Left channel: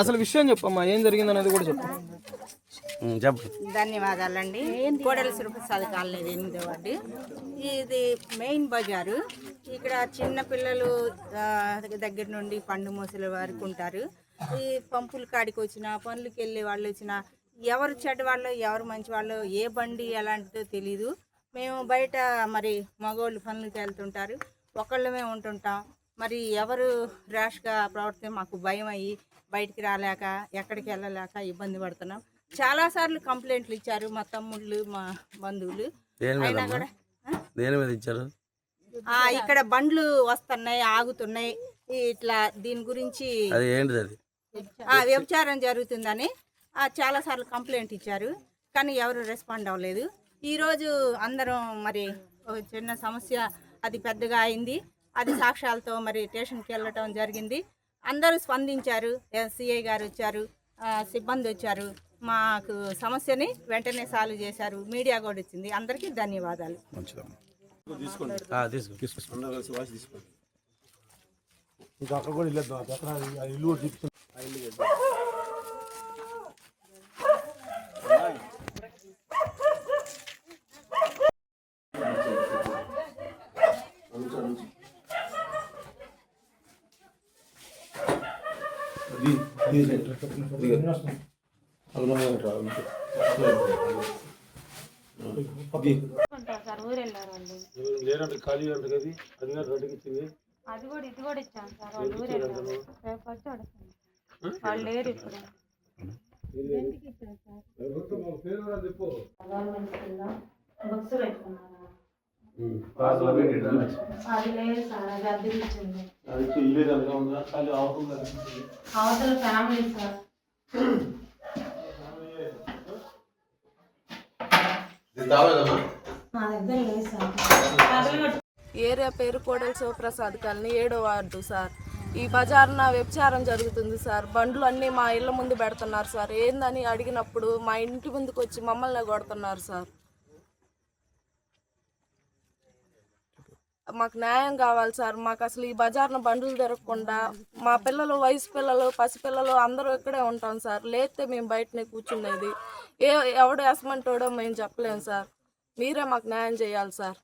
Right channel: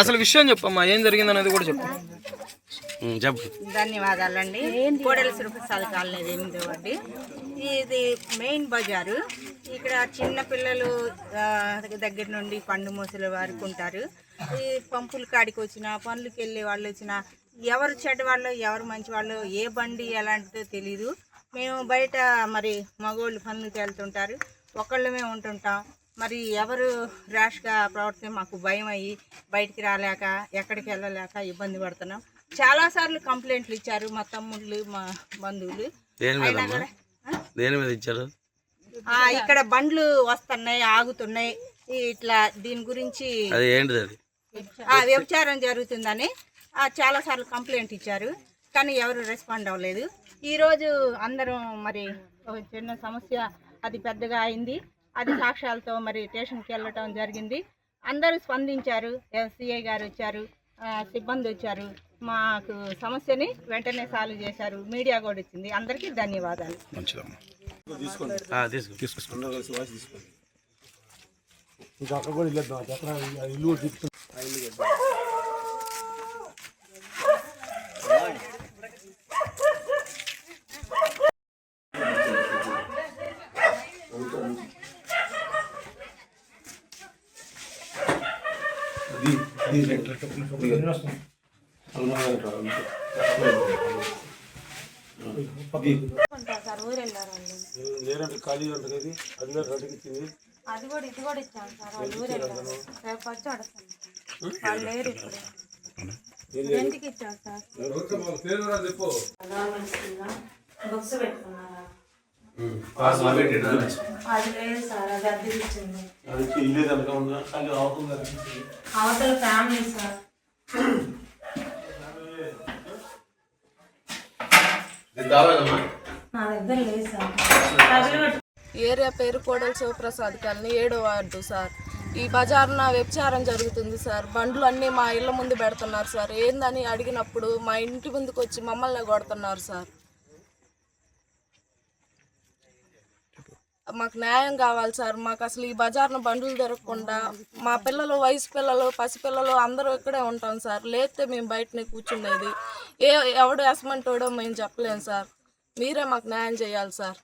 అసలు విషయం చెప్పమ్మా ఏం జరిగింది అనేది కూడా చెప్పు. చెప్పు. ధన్యవాదాలండి. కోడెల సురప్రసాద్ కాలనీ ఎనిమిదో వార్డు. ఇది మెయిన్ బజారు. ఇక్కడ చిన్న పిల్లలు దగ్గర నుండి పండు మూసల వరకు ఉంటారు. ఈ పంపుల కాడికి వచ్చిన పనులకి వెళ్ళే వాళ్ళు వచ్చిన ఎవరు చెడ్డ వాళ్ళు ఎవరు మంచి వాళ్ళు ఏ బండి ఎలాంటిదో తెలీదు. మేము బయట మరి మగోళ్ళు పనులకి వెళ్తుంటారు. ఒకళ్ళమే ఉంటుంటాం. మరి ఎవరు ర్యాష్గా ప్రవర్తిస్తే మాకు భయం అయ్యి బయటికి రాలేక ఎక్కడికి వెళ్ళలేక ఇబ్బంది పడుతున్నాం. చాలాసార్లు కంప్లైంట్లు ఇచ్చారు మా తమ్ముళ్ళు మా బంధువులు. అయినా? కూడా ఆ? దేని మీద ఇచ్చారు? ఇక్కడ బండ్లు వస్తున్నాయి ఆగుతున్నాయి. ఇట్లా దీని గురించి అది ఏంటిది అది? ఆ, వ్యభిచారం జరుగుతుందని ఆ, చాలాసార్లు కంప్లైంట్ ఇచ్చారు. కానీ ఎవరు రెస్పాండ్ అవ్వలేదు. ఈరోజు అందరం మరి ఒక చిన్న సమస్య అది పెద్దగా అయింది. అది సాక్ష్యాలతో మరి స్టేషన్కి వెళ్ళటం జరిగింది. అందరూ స్పందించారు. ఎస్సీఐ గారు వచ్చారు. సిబ్బంది వచ్చారు. మాకు సమస్యని వెంటనే సాల్వ్ చేశారు. మీడియా కూడా వచ్చింది అందరికీ ధన్యవాదాలు. ఆ, తీసుకో తీసుకో అది కూడా ఇది కూడా ఇచ్చాం సార్ వాళ్ళు ఊరు వెళ్ళారు. రేపు వచ్చి అడుగుతాం. వాళ్ళు లేరు ఇప్పుడు. ఎందుకు ఇచ్చాం సార్. బుక్స్ పెట్టుకున్నారా? అవతల ఫ్యామిలీ సార్. ఏరియా పేరు కోడెల శివప్రసాద్ కాలనీ ఏడో వార్డు సార్. ఈ బజార్న వ్యభిచారం జరుగుతుంది సార్. బండ్లు అన్నీ మా ఇళ్ళ ముందు పెడుతున్నారు సార్. ఏందని అడిగినప్పుడు మా ఇంటి ముందుకు వచ్చి మమ్మల్ని కొడుతున్నారు సార్. మాకు న్యాయం కావాలి సార్. మాకు అసలు ఈ బజార్న బండ్లు దొరకకుండా మా పిల్లలు వయసు పిల్లలు పసిపిల్లలు అందరూ ఇక్కడే ఉంటాం సార్. లేతే మేము బయటనే కూర్చునేది. ఏ ఎవడు వేసమంటాడో మేము చెప్పలేము సార్. మీరే మాకు న్యాయం చేయాలి సార్.